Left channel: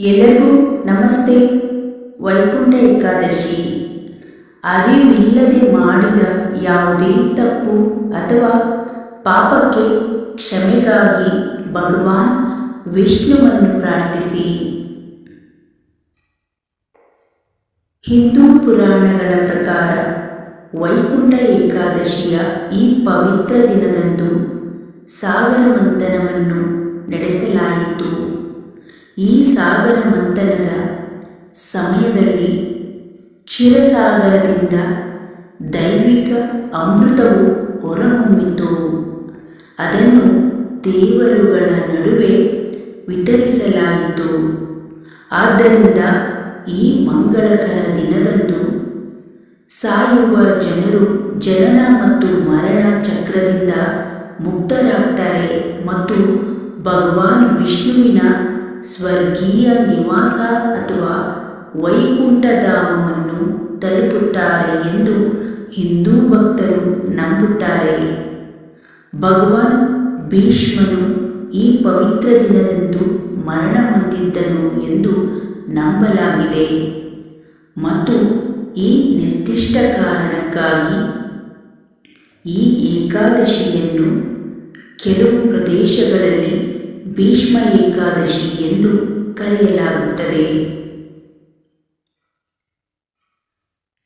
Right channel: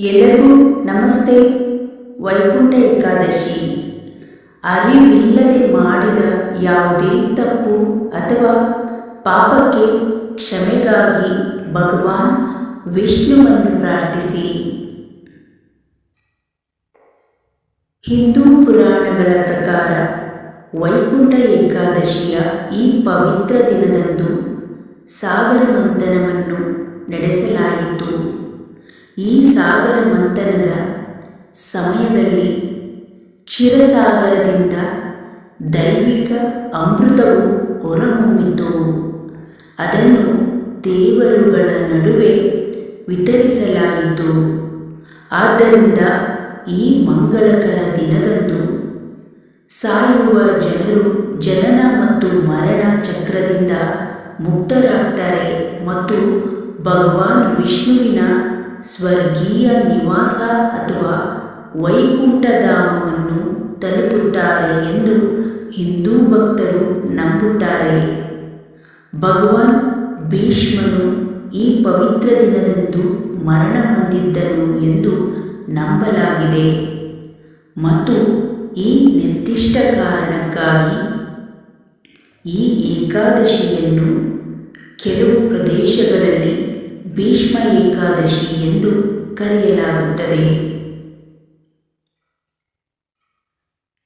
ಎಲ್ಲರಿಗೂ ನಮಸ್ತೆ. ವೈಕುಂಠ ಏಕಾದಶಿ. ಅರಿವಿಲ್ಲದೆ ಮಾಡಿದ ಯಾವುದೇ ತಪ್ಪು ಅಥವಾ ಪಾಪಕ್ಕೆ ಕ್ಷಮೆಗಾಗಿ ಭಗವಾನ್ ವಿಷ್ಣುವನ್ನು ಪ್ರಾರ್ಥಿಸಿ. ಹಿಂದೂ ಪುರಾಣಗಳ ಪ್ರಕಾರ ವೈಕುಂಠ ಏಕಾದಶಿಯ ಈ ಪವಿತ್ರ ದಿನದಂದು ಸಾಗರ ಮಂಥನವನ್ನು ನಡೆಸಲಾಯಿತು. ಈ ಸಾಗರ ಮಂಥನದ ಸಮಯದಲ್ಲಿ ಕ್ಷೀರಸಾಗರದಿಂದ ದೈವಿಕ ಅಮೃತವು ಹೊರಹೊಮ್ಮಿತು. ಅದನ್ನು ದೇವರುಗಳ ನಡುವೆ ವಿತರಿಸಲಾಯಿತು. ಆದ್ದರಿಂದ ಈ ಮಂಗಳಕರ ದಿನದಂದು ಸಾಯುವ ಜನರು ಜನನ ಮತ್ತು ಮರಣ ಚಕ್ರದಿಂದ ಮುಕ್ತರಾಗ್ತಾರೆ ಮತ್ತು ಭಗವಾನ್ ವಿಷ್ಣುವಿನ ಸ್ವರ್ಗೀಯ ನಿವಾಸ ಅಥವಾ ವೈಕುಂಠಧಾಮವನ್ನು ತಲುಪುತ್ತಾರೆ ಎಂದು ಹಿಂದೂ ಭಕ್ತರು ನಂಬುತ್ತಾರೆ. ಭಗವಾನ್ ಭೀಷ್ಮನು ಈ ಪವಿತ್ರ ದಿನದಂದು ಮರಣ ಹೊಂದಿದ್ದನು ಎಂದು ನಂಬಲಾಗಿದೆ. ಮತ್ತು ಈ ನಿರ್ದಿಷ್ಟ ಕಾರಣಕ್ಕಾಗಿ ಈ ಏಕಾದಶಿಯನ್ನು ಕೆಲವು ಪ್ರದೇಶಗಳಲ್ಲಿ ಭೀಷ್ಮ ಏಕಾದಶಿ ಎಂದು ಕರೆಯಲಾಗುತ್ತದೆ.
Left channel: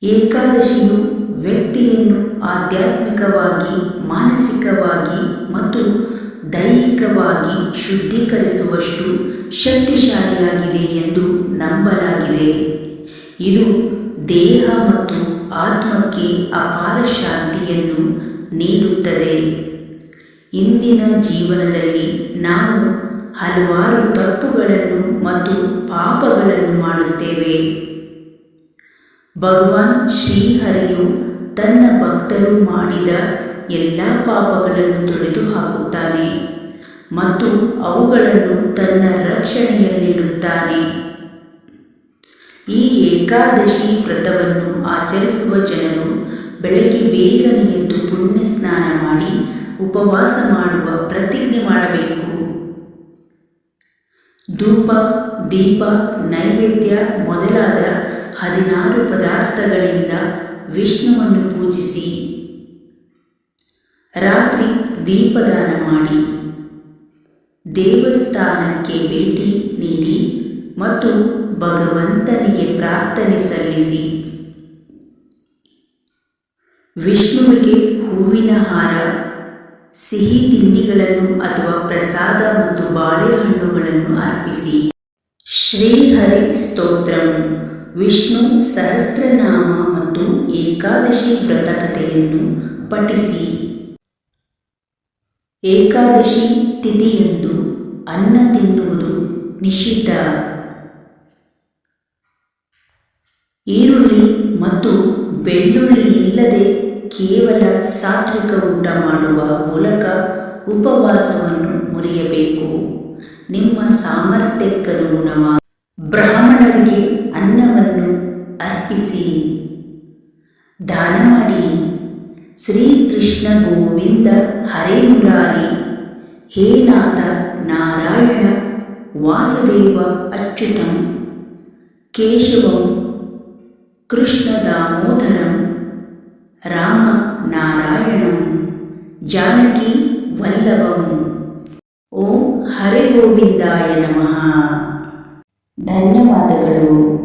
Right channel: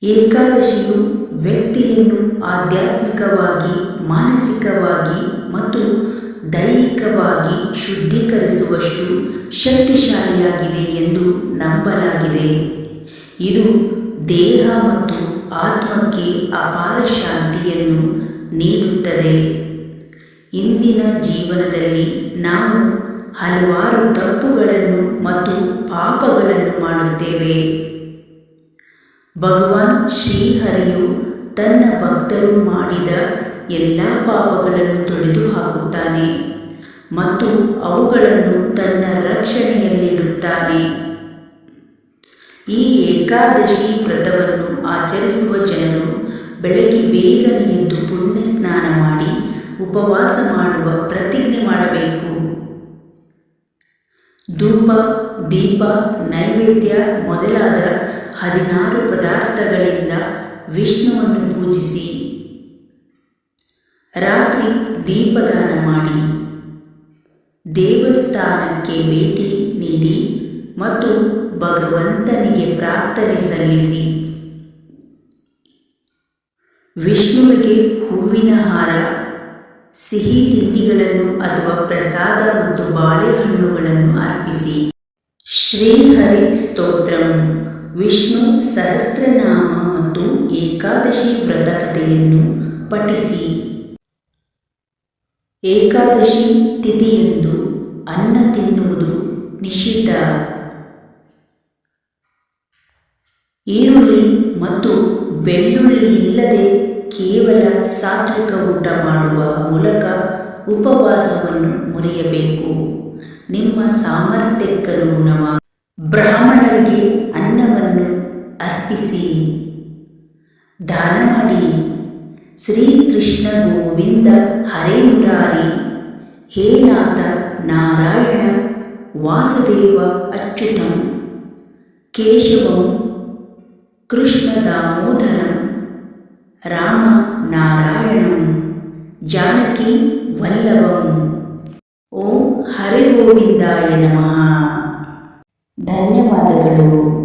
ಏಕಾದಶಿಯು ವ್ಯಕ್ತಿಯನ್ನು ಆಧ್ಯಾತ್ಮಿಕವಾಗಿ, ಮಾನಸಿಕವಾಗಿ ಮತ್ತು ದೈಹಿಕವಾಗಿ ಶುದ್ಧೀಕರಿಸುವಷ್ಟು ಶಕ್ತಿಶಾಲಿಯಾಗಿದೆ ಎಂದು ನಂಬಲಾಗಿದೆ. ಇದು ದೇಹ ಮತ್ತು ಆತ್ಮಕ್ಕೆ ಅಪಾರ ಶಾಂತಿಯನ್ನು ನೀಡುತ್ತದೆ. ಇಂದಿನ ಜೀವನದಲ್ಲಿ ನಾವು ಹಲವಾರು ತಪ್ಪುಗಳನ್ನು ಮತ್ತು ಪಾಪಗಳನ್ನು ಮಾಡುತ್ತೇವೆ. ಭಗವಾನ್ ಶ್ರೀಹರಿಯು ತನ್ನ ಭಕ್ತರು ಮಾಡಿದ ಎಲ್ಲ ಪಾಪಗಳನ್ನು ತೊಡೆದು ಹಾಕುತ್ತಾನೆ ಮತ್ತು ಅವುಗಳನ್ನು ತನ್ನ ರಕ್ಷಣೆಯಲ್ಲಿಡುತ್ತಾನೆ. ಈ ಏಕಾದಶಿ ವ್ರತವನ್ನು ಆಚರಿಸುವ ಜನರು ಬೆಳಗ್ಗೆ ಬೇಗನೆ ಎದ್ದು ಪುಣ್ಯ ಸ್ನಾನ ಮಾಡಿ ಉಪವಾಸ ಮಾಡುವ ಪ್ರತಿಜ್ಞೆ ಮಾಡಬೇಕು. ಧೂಪ, ದೀಪ, ನೈವೇದ್ಯ ಮೊದಲಾದ ಹದಿನಾರು ಪದಾರ್ಥಗಳಿಂದ ವಿಷ್ಣುವನ್ನು ಪೂಜಿಸಿ. ರಾತ್ರಿ ದೀಪದಾನ ಮಾಡಿ. ದೇವಸ್ಥಾನಕ್ಕೆ ಭೇಟಿ ನೀಡಿ ಮತ್ತು ಭಗವಂತನಿಗೆ ಪ್ರಾರ್ಥನೆ ಸಲ್ಲಿಸಿ. ವಿಷ್ಣುವಿಗೆ ಹೂವಿನ ಹಾರ ಸಿಹಿ ತಿಂಡಿಗಳನ್ನು ಅಥವಾ ಪ್ರಸಾದ ಮತ್ತು ಬಾಳೆಹಣ್ಣುಗಳನ್ನು ಅರ್ಪಿಸಿ. ಶ್ರೀಹರಿ ಸ್ತೋತ್ರಂ. ವಿಷ್ಣು ಸಹಸ್ರನಾಮ ಮತ್ತು ಏಕಾದಶಿ ವ್ರತಕಥೆಯನ್ನು ಪಠಿಸಿ. ಏಕಾದಶಿ ತಿಥಿಯಂದು ಅನ್ನ ತಿನ್ನುವುದು ನಿಷಿದ್ಧ. ಈರುಳ್ಳಿ ಮತ್ತು ಬೆಳ್ಳುಳ್ಳಿ ಇಲ್ಲದೆ ಕೇವಲ ಸಾತ್ವಿಕ ಊಟ ಮಾಡುವ ಮೂಲಕ ಉಪವಾಸವನ್ನು ಮುರಿಯಬೇಕು. ನಿಮ್ಮ ಸಾಮರ್ಥ್ಯಕ್ಕನುಗುಣವಾಗಿ ಬ್ರಾಹ್ಮಣರಿಗೆ ಅನ್ನವನ್ನು ಅರ್ಪಿಸಿ. ದಾನ ಮಾಡಿ. ಶ್ರೀಕೃಷ್ಣ ಗೋವಿಂದ ಹರೇ ಮುರಾರಿ. ಹೇ ನಾಥ ನಾರಾಯಣ, ವಾಸುದೇವ ಅಚ್ಯುತಂ. ಕೇಶವಂ ಕೃಷ್ಣ ದಾಮೋದರಂ. ರಾಮ ನಾರಾಯಣಂ. ಜಾನಕಿ ವಲ್ಲಭಂ. ಓಂ ಹರಿಗೋವಿಂದಾಯ ನಮಃ. ಧನ್ಯವಾದಗಳು.